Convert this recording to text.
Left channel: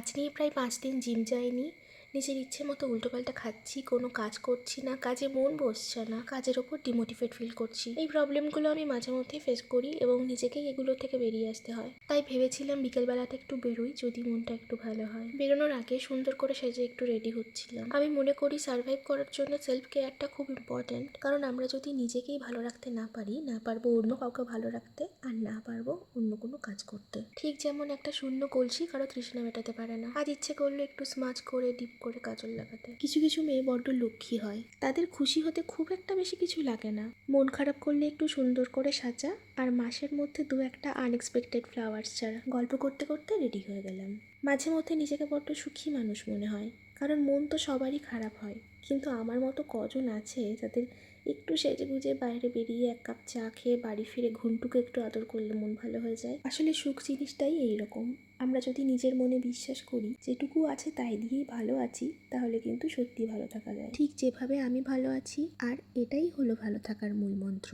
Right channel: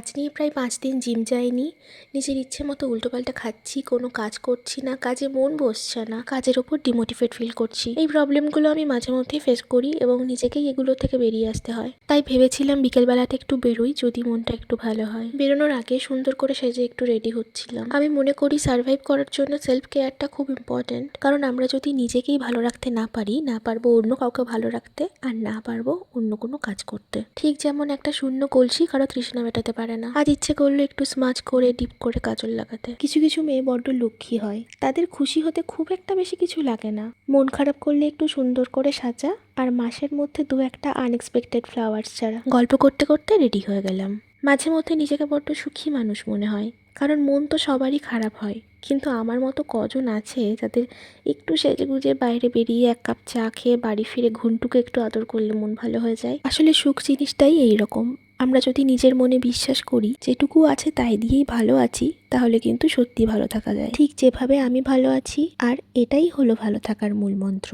আজ নিয়ে প্রায় 5 দিন জিম যাইনি। নিজের ইচ্ছে মতো উল্টোপাল্টা খাচ্ছি, কোনো কাজ করছি না, কাজে মন বসছে না, কাজের ওপর ডিমোটিভেট ফিল করছি। এই প্রবলেমগুলো আমি মাঝে মধ্যেই ফেস করি এবং নিজেকেই এগুলো থেকে বেরিয়ে আসতে হয়। তাই ভেবেছিলাম বিকেলবেলাতে একটু বেরোই, যদি মনটা একটু ভালো হয়। বেরোনোর আগে সুন্দর করে সেজে একটু রেডি হচ্ছিলাম। আমি মনে করি সার্ভাইভ করার জন্য সেলফ কেয়ারটা খুব ইম্পর্ট্যান্ট, কারণ আমরা যদি নিজেকেই ভালো রাখতে না পারি, না পারবো অন্য কাউকে ভালো রাখতে, আর না পারবো অন্য কোনো কাজ করতে। ঠিক যেমন একটা শূন্য কলসি কারো তৃষ্ণা মেটাতে পারে না। আজ ইচ্ছে করলো একটু স্মাচ করে ডিপ করে কাজল লাগাতে। কিছু কিছু মেয়ে বড্ড লক্ষ্মী হয়, তাদের খুশি হতে খুব একটা বেশি কিছু লাগে না। মন খারাপ করলে একটু সুন্দর করে সাজা, আর মাসের মধ্যে 2-1টা আনএক্সপেক্টেড ফ্লাওয়ার্স ছাড়া। গল্প করতে করতে রেডি হয়ে গেলাম। মাঝে মধ্যে নিজেকে বড্ড সুখী মানুষ মনে হয়, কারণ মন তো সবারই খারাপ হয়, কিন্তু আমার মতো কজন আছে যাদের একটু সেজেগুজে বাইরে বেরিয়ে 1 কাপ চা খেয়ে বাড়ি ফিরে ঘুন্টুকে একটু আদর করলে মন ভালো হয়ে যায়। আসলে সুখ জিনিসটাই এইরকম, আমরা যদি নিজের মনে বিশ্বাস করি যেটুকু আছে তাই দিয়েই ভালো আছি, তাহলে কিন্তু সত্যি ভালো থাকা যায়, ঠিক যেভাবে আমি ভালো আছি। আর এটাই হলো ভালো থাকার মূল মন্ত্র।